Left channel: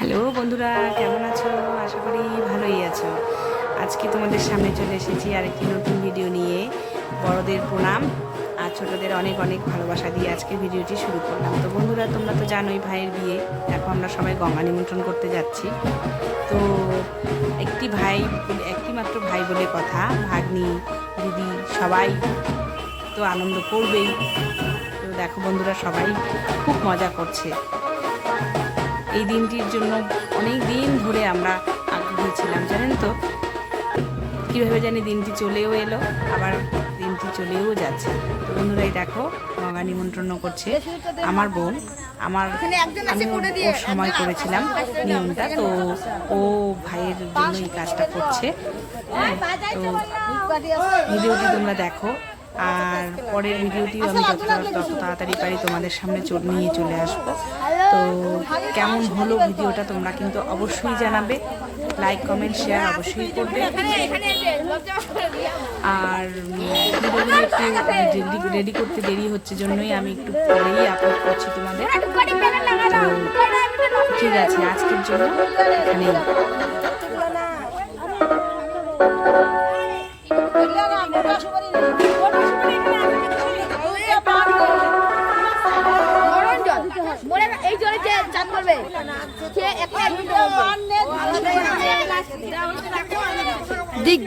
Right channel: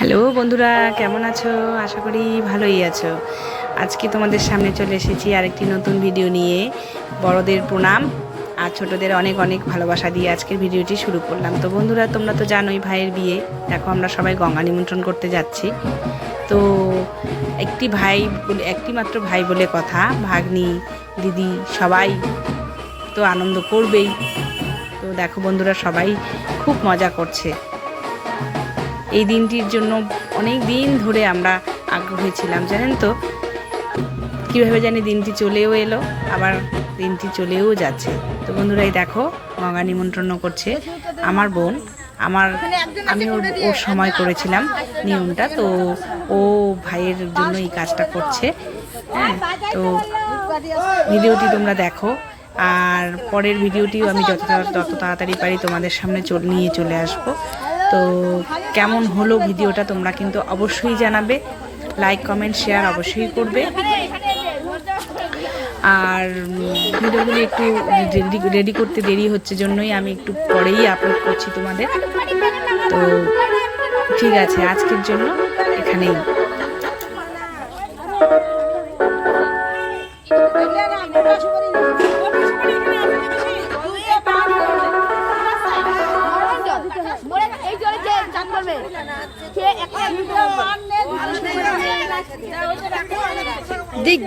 Hello বন্ধুরা, কেমন আছো? আশা করি ভালোই আছো। আজকে তোমাদের সামনে চলে এসেছি আরেকটি নতুন ভিডিও নিয়ে। বড়দের প্রণাম আর ছোটদের অনেক অনেক ভালোবাসা দিয়ে আজকের ভিডিওটি শুরু করলাম। তো বন্ধুরা, তোমরা তো জানোই ভাইয়ের বিয়ে। দেখো, আমরা সবাই গঙ্গা নিমন্ত্রণ করতে যাচ্ছি। তো একটি মাত্র ভাই বলে কথা, ভাগ্নি দিদি সবাই তো আনন্দ করবেই। তো দেখো বন্ধুরা, সবাই খুব মজা করছে। এই দিনটির জন্য অনেক দিন ধরে আমরা আগ্রহী ছিলাম, জানেন তো। কীভাবে জানি দিনটি চলেও এলো, আবার দিনটি চলেও যাচ্ছে। তো বন্ধুরাই দেখো, গঙ্গা নিমন্ত্রণ করছে আমার বোন। আমি ওর সময় করেছিলাম নিয়মটা, তো ও ভাইয়ের জন্য এই কাজটা করছে। হ্যাঁ, তো ভিডিওটি তোমরা দেখো, আর পরের ভিডিওটিও আমি যত তাড়াতাড়ি পারি তোমাদের সামনে নিয়ে চলে আসবো। তো কেমন হলো ভিডিওটা তোমরা কিন্তু অবশ্যই জানাবে, লাইক কমেন্ট শেয়ার অবশ্যই করবে। আর ভিডিওগুলো একটু রেডি করতে দেরি হচ্ছে জন্যই আমি একটু পরেই আপলোড করছি তোমাদের। তো ঠিক আছে, আজকের জন্য এখানেই। দিক